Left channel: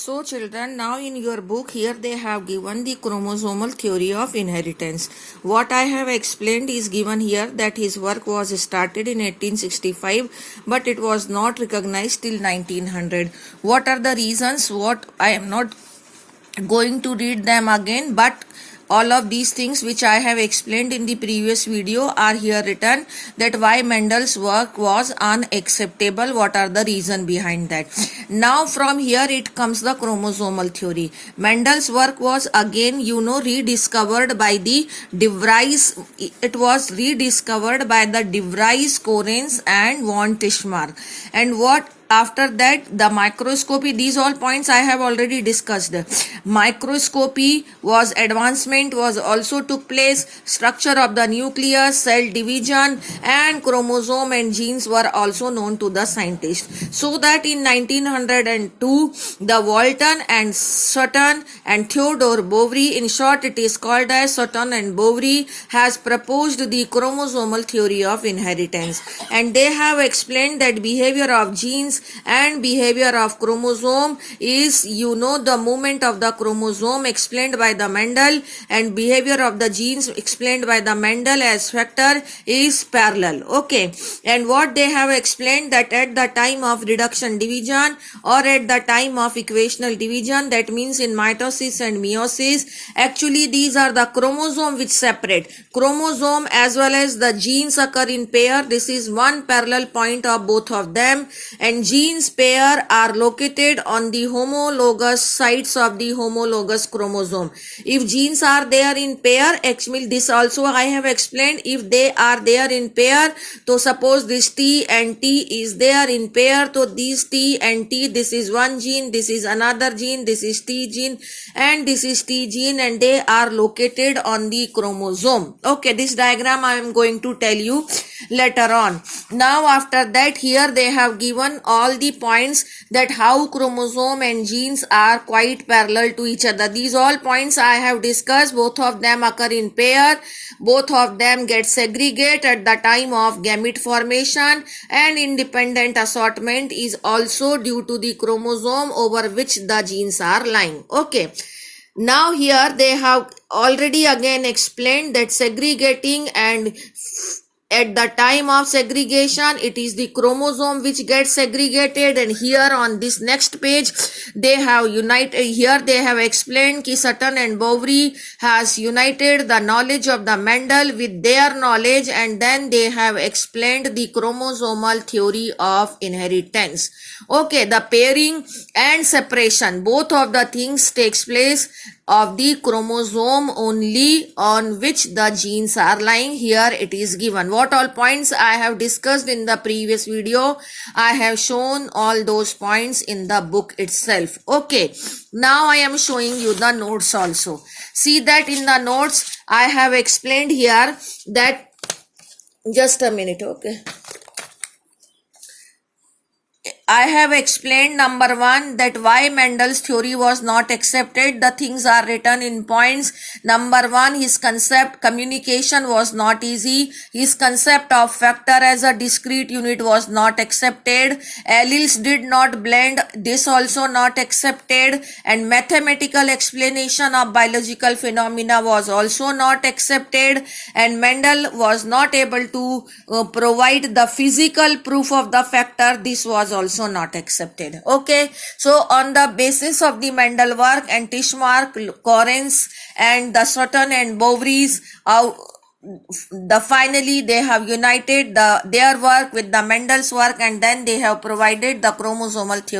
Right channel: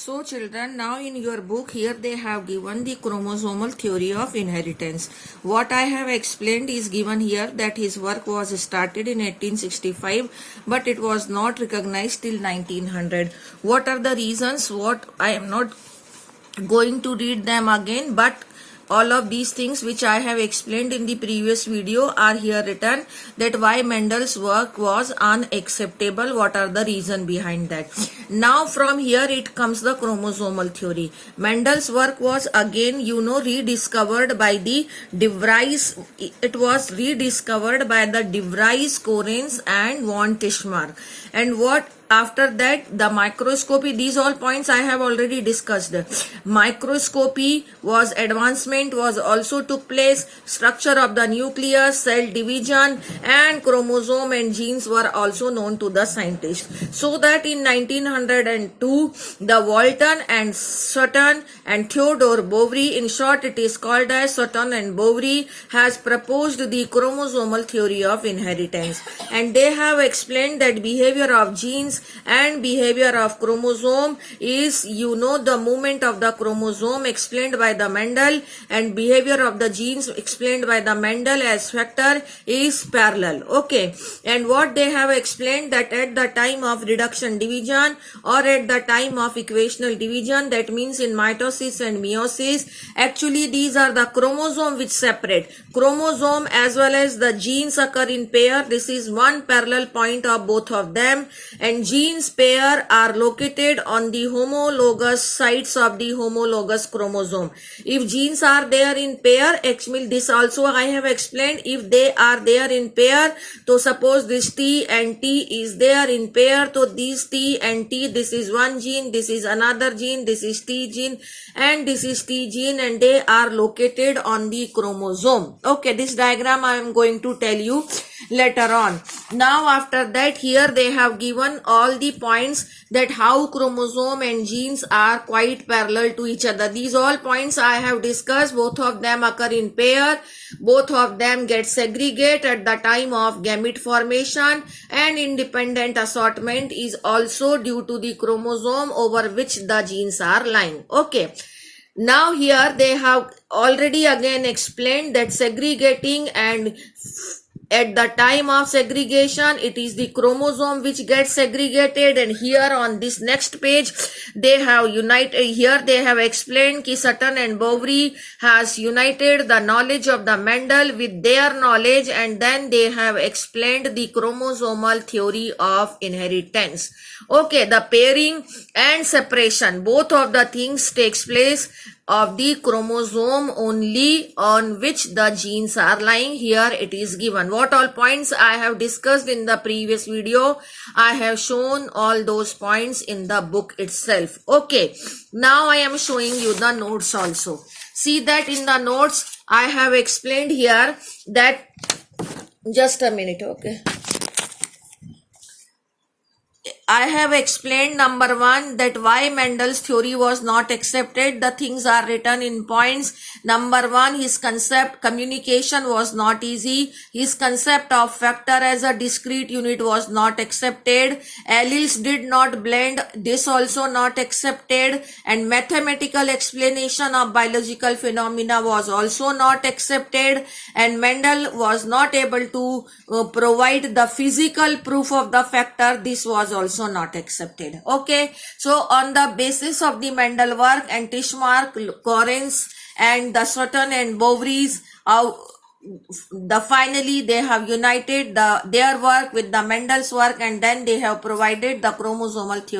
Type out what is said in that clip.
So children, now in your book here they have given the chromosomal theory of inheritance. What I have explained is given here that his work was started in 1865 but it was not recognized till 1900. What are the reasons? What I am not going to read them again, but all of these things which I have explained in the previous video are here written, that why Mendel's work was unacceptable, what are the reason behind that. Now from here it comes the chromosomal theory. Mendel's work was again rediscovered by the De Vries. It was rediscovered by the De Vries, Correns and von Tishmar. And what after that, the microscopy, these all points I have already discussed. Microscopy was advancement, was also took place. Structure of the nucleus, cell division and chromosome and genes were also known to the scientists. So that in 1902, the Walton and Sutton and Theodore Boveri, in short it is called as Sutton and Boveri, has proposed the chromosomal theory of inheritance. And they have explained that behavior of genes and behavior of chromosome is the movement of the chromosome explained by the Mendel, and behavior of the genes explained by the Mendel as factor is parallel. Okay, and what they have explained, that at the time of reduction division or at the time of equational division, that means in mitosis and meiosis, actually these are the chromosome which separate. Chromosome as well as the genes occur in pair. This is one parallel point of both of them, and genes pair are located on the homologous sides of the homologous chromosome. If genes are there in pair, actually this also I have explained, if they are there in pair, so suppose this T and T is there in pair, so these T and T, this is one gene, this is another gene, this is T gene and this is T gene, and they are located on the chromosome. Okay, this diagram I am going to tell you later on. Now after that, here they have given all the points that how chromosome and genes are quite parallel to each other. These all points I have discussed. Both of them occur in pair, both of them get segregate at the time of gamete formation, and independent assortment is also due to the chromosome over which the genes are lying. Okay, now here they have already again explained that segregating, and at the time of segregation it is the chromosome which gets segregated, and here on this next page they have united, here they have explained ki Sutton and Boveri has united the knowledge of the Mendel with their knowledge, and then they have explained the chromosomal theory of inheritance. Okay, the pairing and separation, both of the things takes place of the chromosome only on which the genes are lying. Here it is given. What all points I have discussed in the previous video, I have shown all those points in the book itself. Okay, now I am showing you the notes also. See that in the notes I have explained here that, just a minute, okay, I have explained number one that why Mendel's theory was not accepted. The things are written in points. Number one, his concept communication was not easy. His concept of factor as a discrete unit was not accepted. Alleles did not blend. This also not accepted. And mathematical explanation of biological phenomena was also not accepted. And Mendel was not able to provide the physical proof of the factor. This was also not accepted. Okay, so on the basis of the Mendel work and Tishmar, Correns and the Sutton and Boveris, finally they have united their work with the Mendel's work, and then they have provided the chromosomal theory.